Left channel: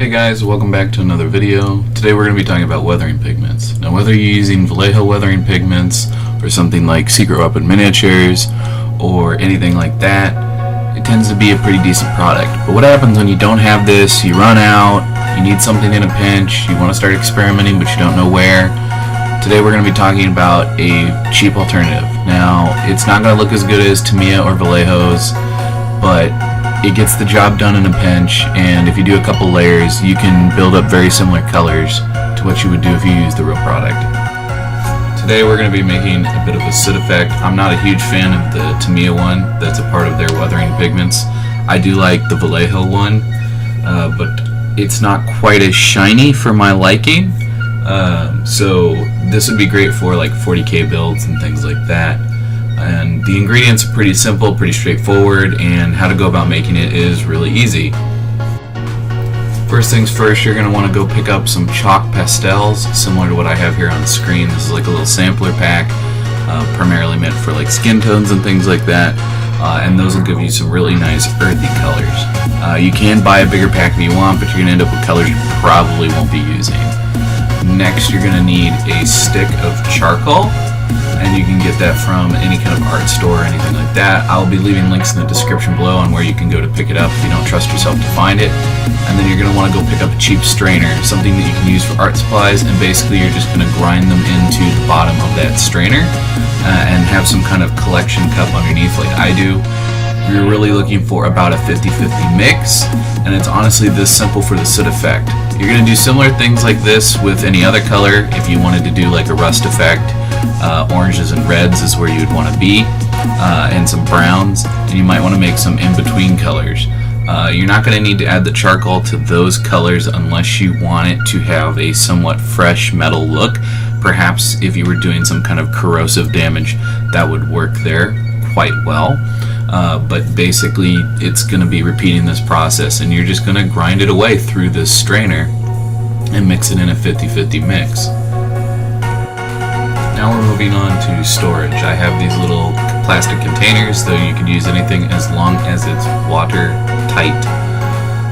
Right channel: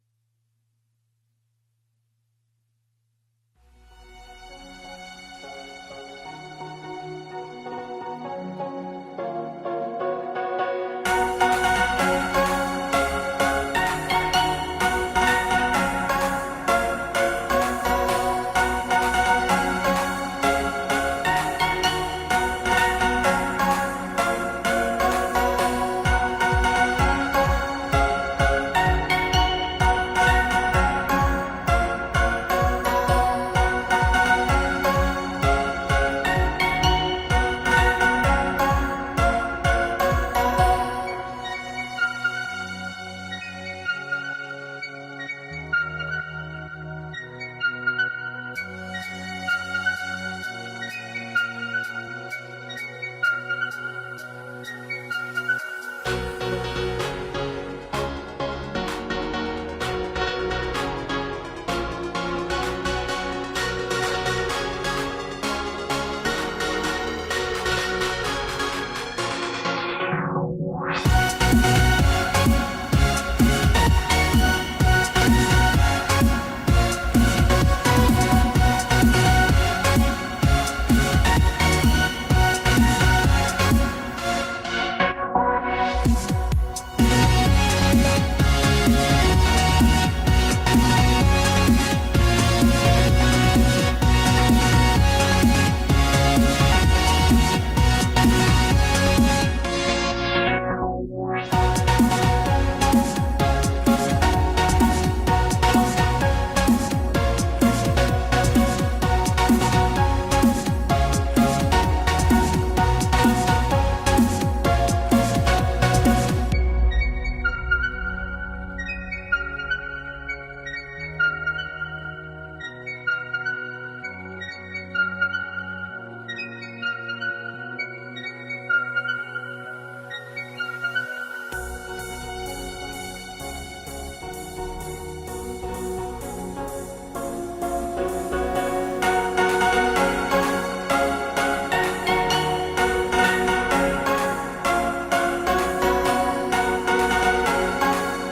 Hey guys, welcome back to another video. Today we're going to be talking about weathering pigments. Now whether you're using Vallejo weathering pigments or something like Secret Weapon Miniatures or anything like that, it tends to be a pretty decent product. But what happens when you don't have this, you run out, you need something in a pinch, you want to start experimenting but you don't know where? Today we're going to be talking about a cheap alternative. Now it's not going to look as good as Tamiya or Vallejo's, but it gets the job done in a pinch, and if you do a couple layers you can build up very similar colors to what you would do if you used the real product. Today we're going to be making a bit of a soot effect. I'm not a huge fan of the Tamiya one that's a part of their weathering pigments. I do like the Vallejo one, but it's not quite as shiny for my liking, so this would be great for like 40k builds and things like that. And the ingredients are pretty simple, pretty straightforward, and how to go about making it is really easy. First things first, you're going to want to go pick up some chalk pastels, similar to what I have here on the screen. This is like a little sampler pack, primarily meant for like skin tones and things like that, and those will give you some really nice earthy colors. You can buy a bigger pack if you want, but you're going to end up with colors you probably won't be using. Next, you're going to need a stick of charcoal, and you can get that from any kind of art store or anything like that. I'll be leaving links in the description below on where you can go to pick it up if you don't trust yourself to find it. And then you're going to want to go pick up a cheap strainer, something that you can use for art supplies, and basically you're just going to grind them into the bottom of that strainer and have some kind of collection cup underneath like I do. You're really looking for about a 50-50 mix, and it's honestly this simple for the soot effect. You're going to do similar things like this with any other color. If you wanted to do like a rust effect, oranges and reds is where you'd want to be, and some browns, and you might want to make some in-between colors. You're not going to need to add the charcoal to those colors unless you want it to have a somewhat fresh metal look. Perhaps if you were doing some kind of corrosive damage, that would work there quite well. But basically it's going to be repeating this process, and you're just going to grind it away through this strainer and mix it in a 50-50 mix. Now we're moving on to storage. I have these little plastic containers, though you can use anything as long as it's watertight.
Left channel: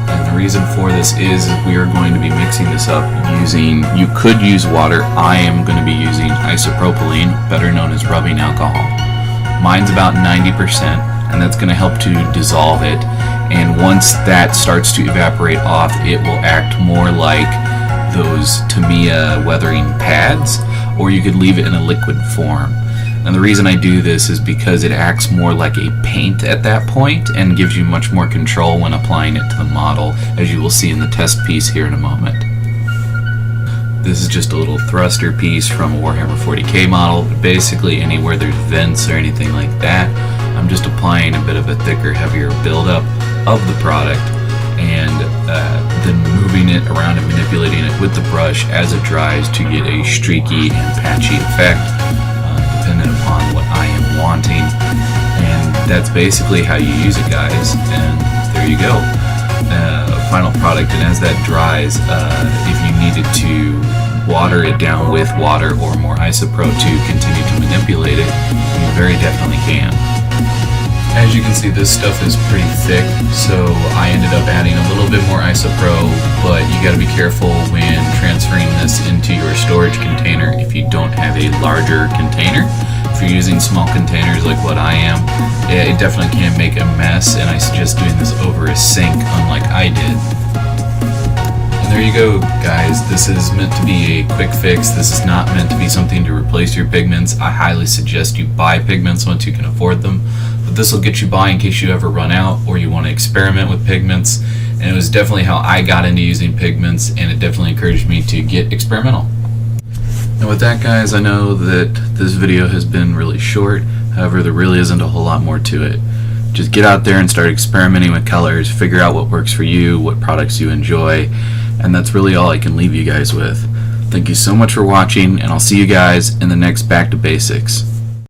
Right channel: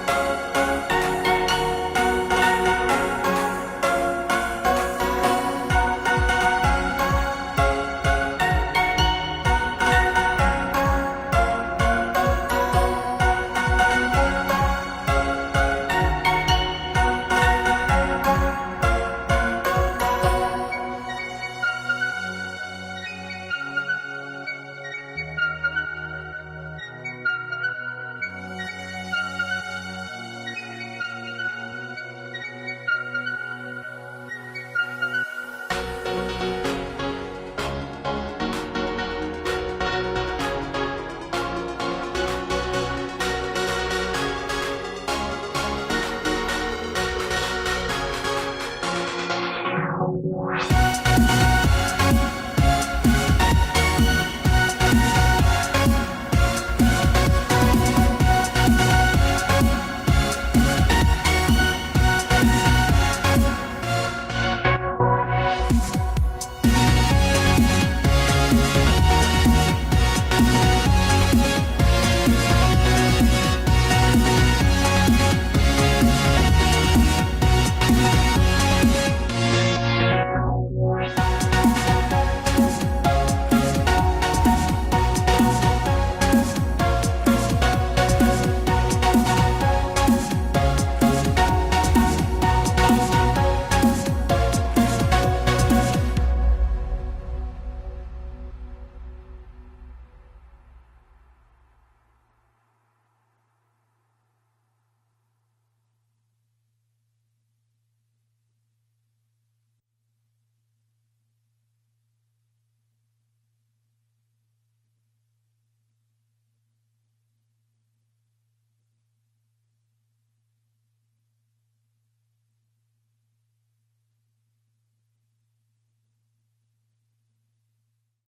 And the reason for this is we are going to be mixing this up using, you could use water, I am going to be using isopropylene, better known as rubbing alcohol. Mine's about 90%, and that's going to help to dissolve it, and once that starts to evaporate off, it will act more like those Tamiya weathering pads, or you could leave it in a liquid form. And the reason I do this is because it acts more like a paint at that point and gives you much more control when applying it to the model, as you will see in the test piece here in a moment. This is just a little thruster piece from a Warhammer 40k model, but basically anywhere there's vents or anything like that, I'm just applying a bit of a thicker, heavier buildup of the product, and then moving it around and manipulating it with the brush as it dries to get a streaky and patchy effect, depending upon what I am wanting. And that's basically how you use it, guys, and there you go. Final product, and as that dries, if you needed to water it down with water or more isopro to continue to manipulate it, you very definitely can. As you can see, this stuff is pretty thick, so I ended up adding a little bit more isopro, but you got to be careful when transferring this into your storage container if you don't have a larger container. If you're using small containers like what I am, it definitely can make a mess, and I suggest doing this over a sink unlike I did. And there you go, guys. This is meant to be a quick fix. This is not meant to be something to replace your pigments. I highly suggest you buy pigments once you can afford them. This will get you by in case you ever run out or you want to experiment with pigments, and it was definitely how I got into using pigments, and it definitely encouraged me to get experimental. And with that, guys, I know that this video has been really short, however there really isn't a whole lot more to it. Just get out there and start experimenting with colors, figure out what works for you, what products you enjoy, and that's really all I can leave you guys with. Thank you so much for watching, and I'll see you guys in the next Back to Basics.